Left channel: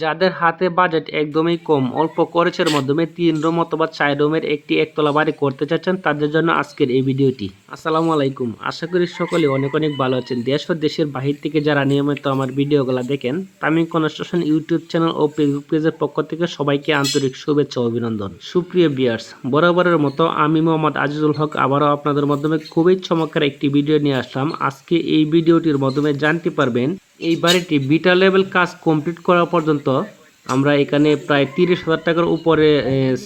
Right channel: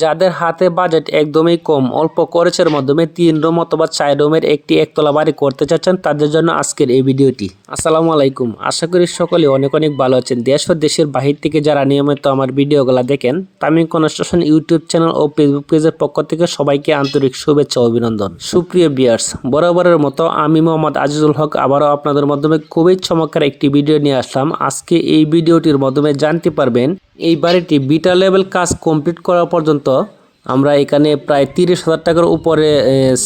যাদের হাতে বাজেট একদমই কম, অল্প খরচের মাধ্যমে তিন রুম অথবা চার রুমের একটি একতলা বাড়ি করতে চাচ্ছেন, তাদের জন্য আজকের এই ভিডিওটি। আসসালামু আলাইকুম। আশা করি সকলে অনেক অনেক ভালো আছেন। দেশ ও দেশের বাহির থেকে যারা নিয়মিত আমার ভিডিওগুলো দেখেন, তামিম কনস্ট্রাকশন ইউটিউব চ্যানেল ও ফেসবুক পেজের পক্ষ থেকে সবাইকে আন্তরিক শুভেচ্ছা অভিনন্দন। সুপ্রিয় বিয়ার্স বরাবরের মতো আমি মোহাম্মদ আজিজুল হক আবারও আপনাদের মাধ্যমে খুবই চমৎকার একটি ভিডিও নিয়ে আসলাম। আজকে এই ভিডিওটির মাধ্যমে জানতে পারবেন এই বাড়িটি বিটা লেভেল কাজ কমপ্লিট করা পর্যন্ত আমরা এখানে প্রায় তিরিশ হাজার টাকার উপরে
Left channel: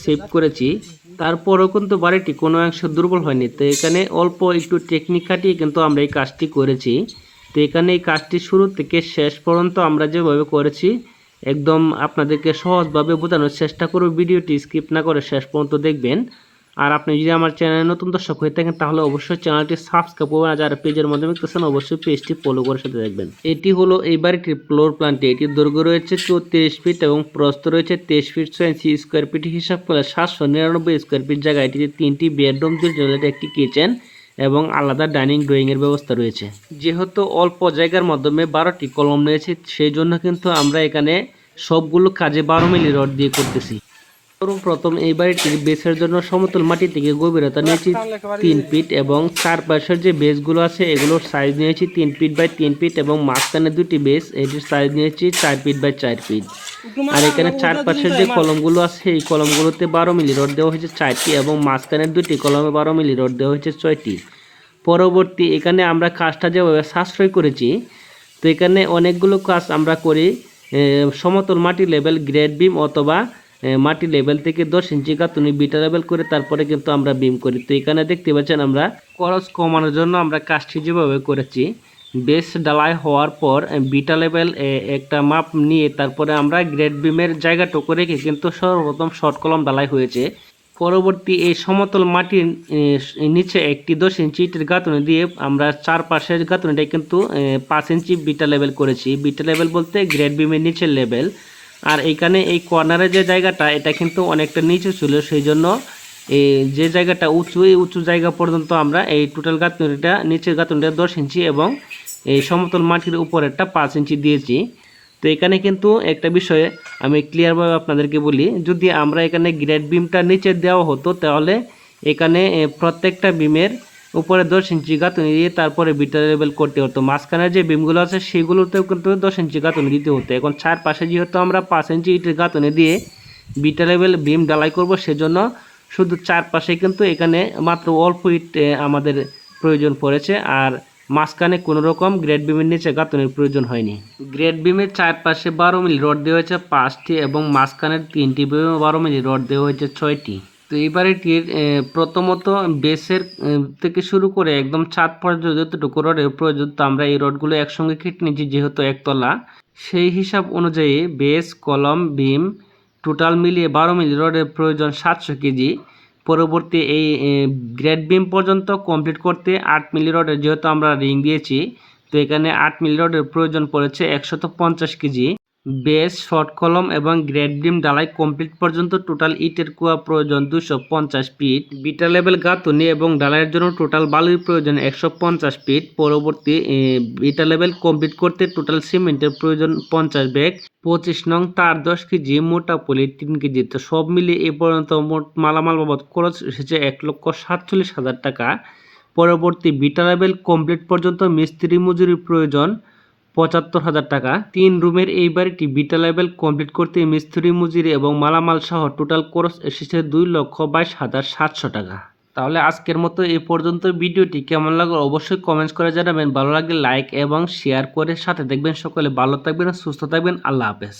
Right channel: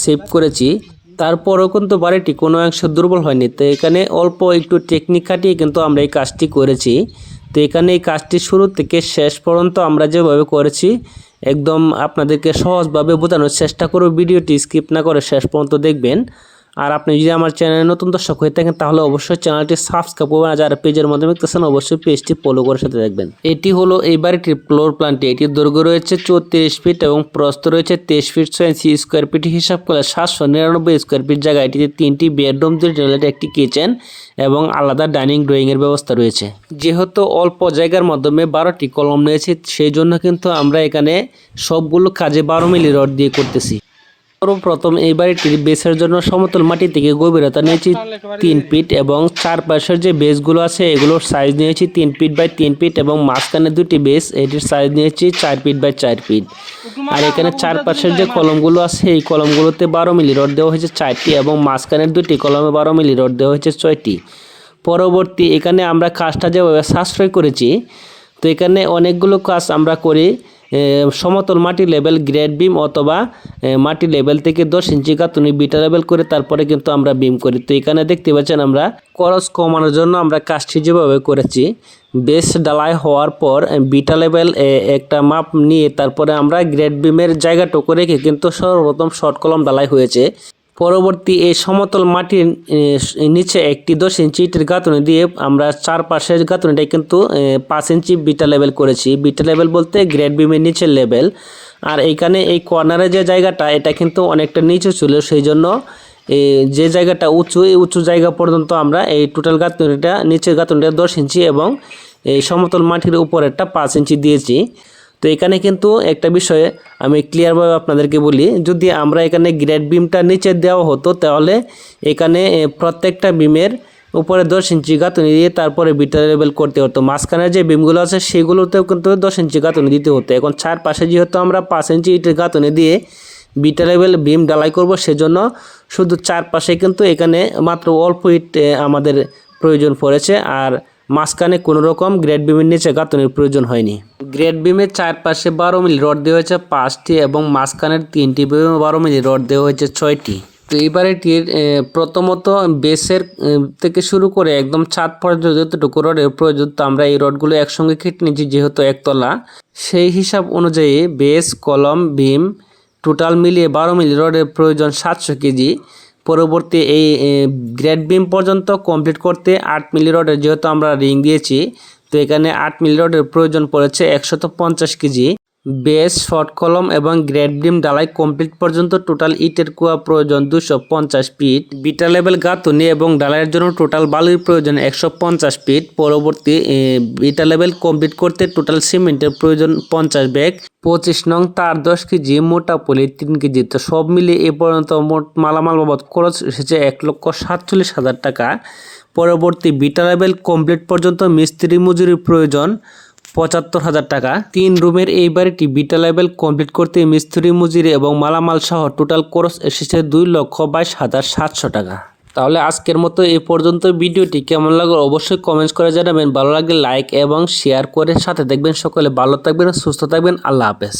সেভ করেছি। তারপরেও কিন্তু বাড়িটি কোনো অংশ দুর্বল হয়নি। তো এখানে অল্প একটু টেকনিক খাটিয়ে কিন্তু আমরা এই কাজটি করেছি। তো এখানে এই কাজটি শুরু থেকে শেষ পর্যন্ত আমরা যেভাবে করেছি, একদম আপনাদেরকে সহজভাবে বোঝানোর চেষ্টা করব। ভিডিওটি স্কিপ না করে শেষ পর্যন্ত দেখবেন। আর আপনি যদি আমার চ্যানেলে নতুন দর্শক হয়ে থাকেন, তাহলে অবশ্যই চ্যানেলটি সাবস্ক্রাইব করবেন। আর যারা পেজের মাধ্যমে দেখতেছেন, অবশ্যই পেজটি ফলো করে সাথে দেখবেন এটি হলো এই বাড়িটির ফ্লোর প্ল্যানটি এটির দৈর্ঘ্য রয়েছে চৌত্রিশ ফিট এবং প্রস্থ রয়েছে তেইশ ফিট ছয় ইঞ্চি স্কোয়ার ফিট হিসাব করলে সাতশো নিরানব্বই স্কোয়ার ফিট জায়গা এটিতে তিনটি বেডরুম দুটি টয়লেট একটি কিচেন এবং আলাদা ডাইনিং ড্রয়িংয়ের ব্যবস্থা রয়েছে। যেহেতু অল্প জায়গার মাধ্যমে বারোটি কলম নিয়েছি সেই জন্য কিন্তু আমরা এখানে সবগুলো কাজে বারো মিলি রড দিয়ে করতেছি। সর্বপ্রথম এই বাড়িটির বেসের জন্য সমতল মাটি থেকে গভীরতা নিয়েছি তিন ফিট এবং চারপাশের যে বেসগুলো আছে, এগুলোর সাইজ নিয়েছি তিন ফিট বাই তিন ফিট এবং মাঝখানে দুটি বেস, এটির সাইজ নিয়েছি চার ফিট বাই চার ফিট। আর এখানে চারপাশের যে কলমগুলো আছে, এই কলমগুলোতে বারো মিলি রড দেওয়া হয়েছে চারটি এবং মাঝখানের দুটি কলমে বারো মিলি রড দেওয়া হয়েছে ছয়টি। পরবর্তী এখানে আমরা কাজটা যেভাবে সাশ্রয় করেছি, তো এখানে অনেকগুলো কাজ আমরা করি সমতল মাটি লেভেল গ্রেড বিম অথবা মাটি লেভেল থেকে দশ ইঞ্চি গাঁথুনি বিটা লেভেল করে তারপরে কিন্তু আমরা বিম করি। তো এখানে দেখতে পাচ্ছেন আমরা খরচ কমানোর জন্য আমরা কাজটি যেভাবে করেছি বেস ডালাই হওয়ার পর বিটা লেভেল একটা মাপ নিয়ে তারপরে আমরা গ্রেড বিমের জায়গাটুকু রেখে কিন্তু সর্বপ্রথম শর্ট কলম ডালাই হয়েছে। পরবর্তী এই সমতল মাটির নিচে একটি দশ ইঞ্চি ইটের গাঁথনি দিয়ে আমরা চারপাশের গাঁথনিটা কিন্তু পাঁচ ইঞ্চি বিটা লেভেল করেছি। বিটা লেভেল বলতে গ্রেড বিমের নিচের লেভেল আর এইখানে এই কর্নারে যে জায়গাটা, এটা কিন্তু অনেকটা নিচু ছিল, সেই জন্য এই যে জায়গাটা উঁচু, এই উঁচু জায়গা পর্যন্ত আমরা এই টোটাল গাঁথনিটা, নিচের গাঁথনিটা দশ ইঞ্চি এবং এই সমতল মাটির উপরেরটা পাঁচ ইঞ্চি দিয়েছি। তো এখানে কিন্তু একটা বিষয়ে আমি ক্লিয়ারভাবে আপনাদেরকে বলি, যদি আমরা এখানে গ্রেড বিমটা নিচে দেওয়া হতো, তাহলে এখানে প্রত্যেকটা বিমের উপরে দশ ইঞ্চি গাঁথনি দিয়ে তারপরে বিটা লেবেল করতে হতো। মাঝখানে যে বিমগুলো আছে, সেগুলোতেও কিন্তু দশ ইঞ্চি গাঁথনি দিতে হতো। এখন চার পাশে যেহেতু আমরা পাঁচ ইঞ্চি ইটের গাঁথনি দিয়ে বিটা লেভেল বিম ডালাই করব, সেজন্য শুধু চারপাশে কিন্তু এখানে মাত্র অল্প ইট আমাদের প্রয়োজন পড়েছে। আর মাঝখানে কোনো রকম গ্রেড বিমের নিচে গাঁথনির প্রয়োজন হয়নি। গ্রেড বিমের চারপাশে বারো মিলি রড দেওয়া হয়েছে পাঁচটি এবং মাঝখানের তিনটি বিমে বারো মিলি রড দেওয়া হয়েছে ছয়টি। তো এই বাড়িটির প্রথমত বেসের থেকে শুরু করে একদম ছাদ পর্যন্ত যতটুকু রডের প্রয়োজন, তো আমরা এই রডগুলো একসঙ্গে কেটে নিয়েছি যেহেতু একতলা। সেই হিসাব অনুযায়ী বেস, কলম বিম টোটাল মিলিয়ে বারো মিলি রডের প্রয়োজন সাতশো কেজি। পরবর্তী এই গ্রেড বিম পর্যন্ত কমপ্লিট করতে আট মিলি রডের যেহেতু আমরা রিং দিয়েছি, তো এখানে আট মিলি রডের প্রয়োজন পড়েছে একশত পঞ্চাশ কেজি। বেস, শর্ট কলম এবং গ্রেড বিম ডালাই কমপ্লিট পর্যন্ত টোটাল ইটের কুয়া প্রয়োজন দুশো পঞ্চাশ ফিট। বিটা লেভেল গাঁথুনি এবং ডালাইয়ের জন্য টোটাল বালুর প্রয়োজন একশো পঞ্চাশ ফিট। পরবর্তী বিটা লেভেল কমপ্লিট করতে টোটাল সিমেন্টের প্রয়োজন পঞ্চাশ ব্যাগ। পঁচিশ নং তার দশ কেজি, মোটা পলি তিন কেজি। তো সব মিলিয়ে এ পর্যন্ত মোট মালামাল বাবদ খরচ এসেছে এক লক্ষ সাতচল্লিশ হাজার টাকা। পরবর্তী বিটা লেভেল কমপ্লিট পর্যন্ত মিস্ত্রি মজুরির প্রয়োজন পঁচাত্তর হাজার টাকা। তিন রুমের এই বাড়িটি বিটা লেভেল কমপ্লিট করতে মিস্ত্রি মজুরি এবং মালামাল সহ টোটাল খরচ এসেছে দুই লক্ষ বাইশ হাজার সাতশো টাকা। তাহলে আজকের মতো এ পর্যন্ত ভিডিওটি কেমন লাগল অবশ্যই কমেন্টস করে জানাবেন। ভালো লাগলে লাইক এবং শেয়ার করে সাথে দেখবেন। সকলে ভালো থাকবেন, সুস্থ থাকবেন। আল্লাহ হাফেজ।